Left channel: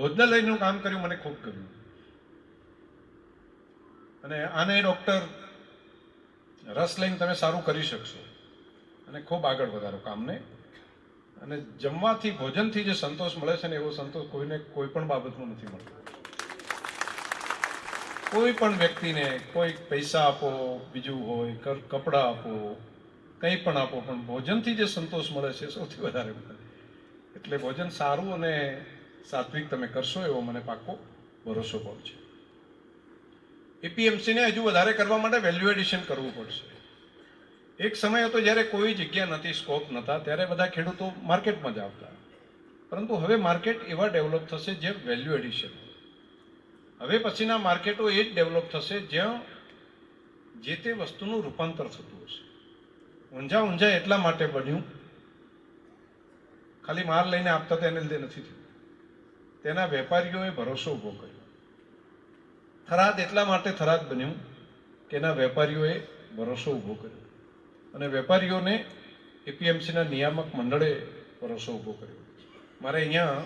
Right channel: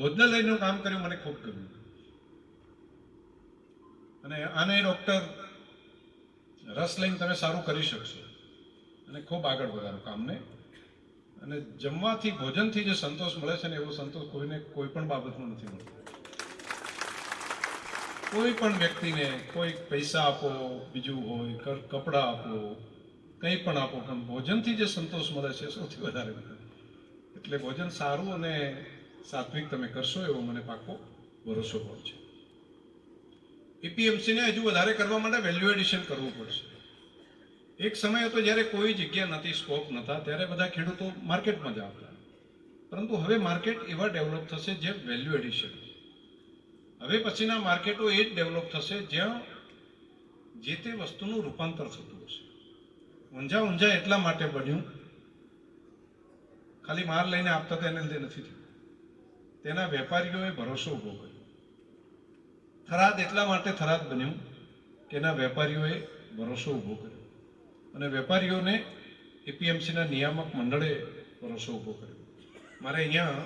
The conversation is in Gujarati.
ભોજનાલયનું કામ કર્યું, મને ખૂબ ગમ્યું. અને આને ડૉક્ટર રસ લઈને તમે સારું કરી શકશો અને ખૂબ આગળ વધારો કામને. અને જમવાથી, ભોજનથી જે સંતોષ મળે છે ને, એવો સંતોષ કોઈને કોઈ પણ બાબતમાં નથી મળતો. કોઈ પણ વ્યક્તિને કોઈ પૈસા આપો, બીજું હોય કપડાં આપો, કંઈ પણ આપો, પણ ભોજનથી જે સંતોષ મળે છે સૌથી વધારે મળે. એટલે ભોજન સારું અને સાત્વિક તમે કરશો એવો મને પાક્કો ભરોસો પણ છે. એપીએમસીને હજુ વધારે કરવા માટે વેલ્યુ એડિશન કરવું પડશે. એક સમય હતો જ્યારે કોઈ જગ્યા નથી, સ્કોપ નહોતા, ત્યારે બધા ખેડૂતો માર્કેટમાં જ આવતા. પરંતુ હવે માર્કેટ એવા ડેવલપ થશે જે વેલ્યુ એડિશન. હવે પછીના માર્કેટો એ જ ડેવલપ થશે જ્યાં જે તે વસ્તુનું રૂપાંતર થતું હશે. ઊંઝા એટલા માટે બન્યું, ખાલી માલ લઈને આપતા હતા એને લીધે નથી થયું. તેના વેપારીઓએ ભરોસો ઉભો કર્યો. થરાદ એટલા માટે થરાદ બન્યું કે એના વેપારીઓએ ભરોસો ઉભો કર્યો. અને વેપારીઓને એપીએમસીના નિયામક મંડળે ભરોસો ઉભો કર્યો. મારે અહીંયા